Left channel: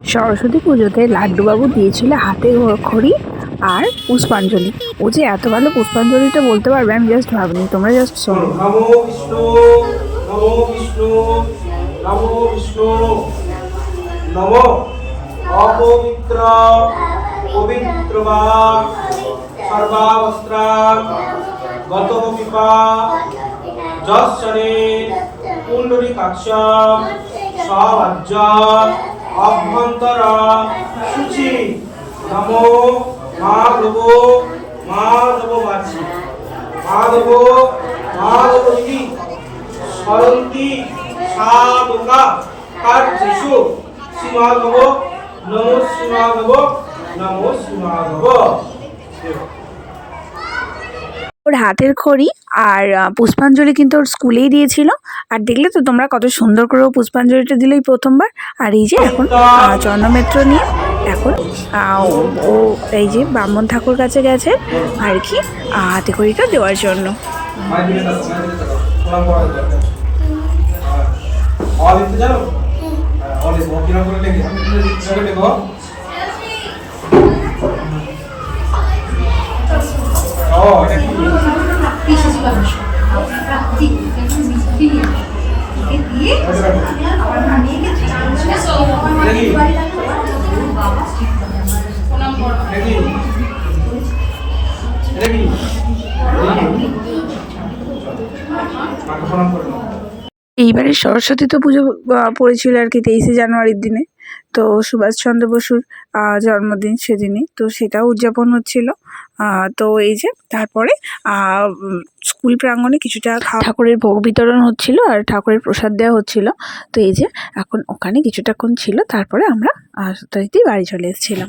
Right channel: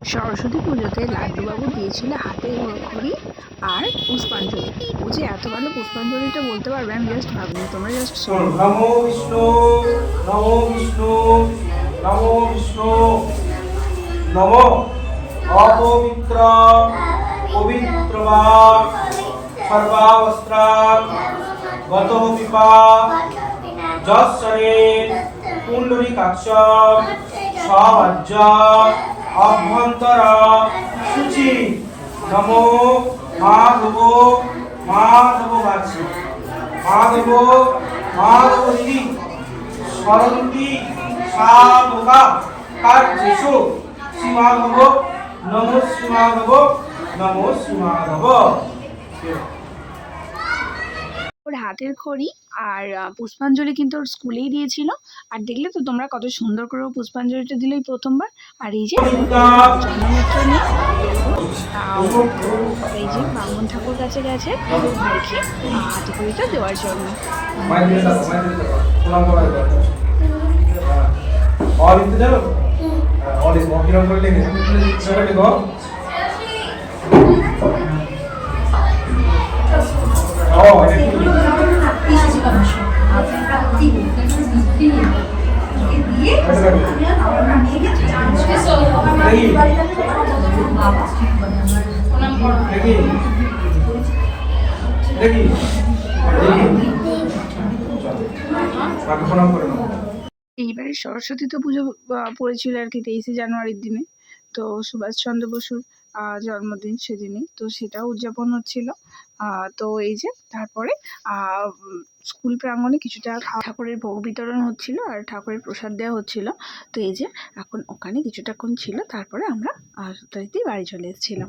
সরস্বতী পুজোতে লাড্ডুবাবু দিয়েছিল হাতে খড়ি আর পুষ্পাঞ্জলি। ও যে এত ভালো পুষ্পাঞ্জলিটা বলতে পারবে আমি জাস্ট ভাবিনি, তোমরা জাস্ট শোনো। নমো বিষ্ণু, নমো বিষ্ণু, নমো বিষ্ণু, নমো অপবিত্র পবিত্রবা সর্বাবস্ত্রা গতবিপা যশ্বরে পুণ্ডরীকাক্ষ স্বভাজ্য অভ্যন্তর শুচি নমো মাধব মাধব বাছি মাধব মাধব দিদি স্মরন্তি সাধকা কার্যেষু শ্রীমাধব নমো শ্রীমাধব নমো শ্রীমাধব। ওর হাতের খড়ি আর পুষ্পাঞ্জলি কিন্তু ওর স্কুলেই দিয়েছিল। আর দেখলে তো তোমরা কত সুন্দর করে ও পুষ্পাঞ্জলিটা দিল এই প্রথমবার। আর এই যে এখন চন্দ্রমিত্র নিয়ে এখন ও এই যে ব্রাহ্মণ ঠাকুর কাছে গেছে আর কি হাতে খড়িটা দেওয়ার জন্য। এইবারে সরস্বতী তো পুজো পড়েছিল আর কি 23শে জানুয়ারির দিনে। তো সুভাষচন্দ্র বসুর জন্মদিন সেদিনই, তো সেটাও উদযাপন হচ্ছিল। তো এই যে তারপরে স্কুল প্রাঙ্গণে কিছুটা ঠাকুরের ভোগ বিতরণ হচ্ছিল আর ঠাকুরের প্রসাদ দেওয়া হচ্ছিল। তো এই যে এখন ওখানে কিছুটাক্ষণ ছিল, তারপরে আমরা বাড়ি চলে এসেছিলাম।